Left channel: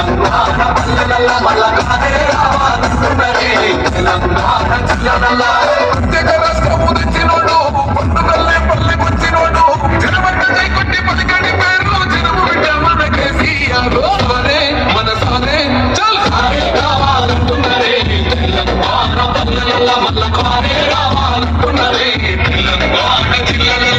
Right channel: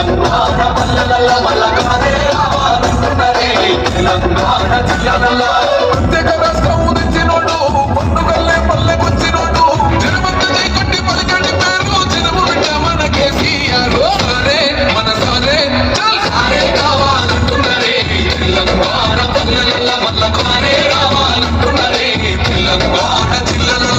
తెలంగాణ పల్లెల మల్లకానే రావాలంటున్నరే తెలంగాణ జిల్లాల ప్రత్యేక రాష్ట్రం తెచ్చినోడు పండుగల్లే పల్లె వచ్చినోడు జనమంత జైకొట్టి పలికడి పేరు జనము బిడ్డ మన కేసీఆర్ సారే మన సారే చల్ సారే కావాలంటున్నరే తెలంగాణ పల్లెల మల్లకానే రావాలంటున్నరే తెలంగాణ జిల్లాల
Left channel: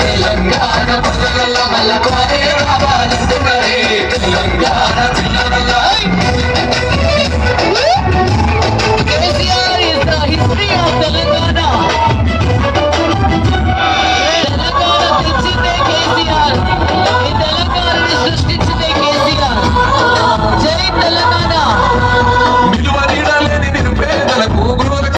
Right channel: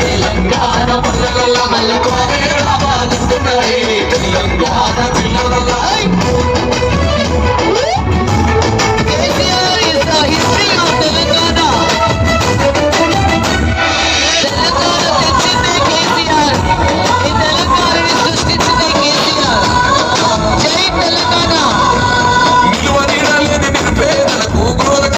తెలంగాణ పల్లెల మల్లకానే రావాలంటున్నరే తెలంగాణ జిల్లాల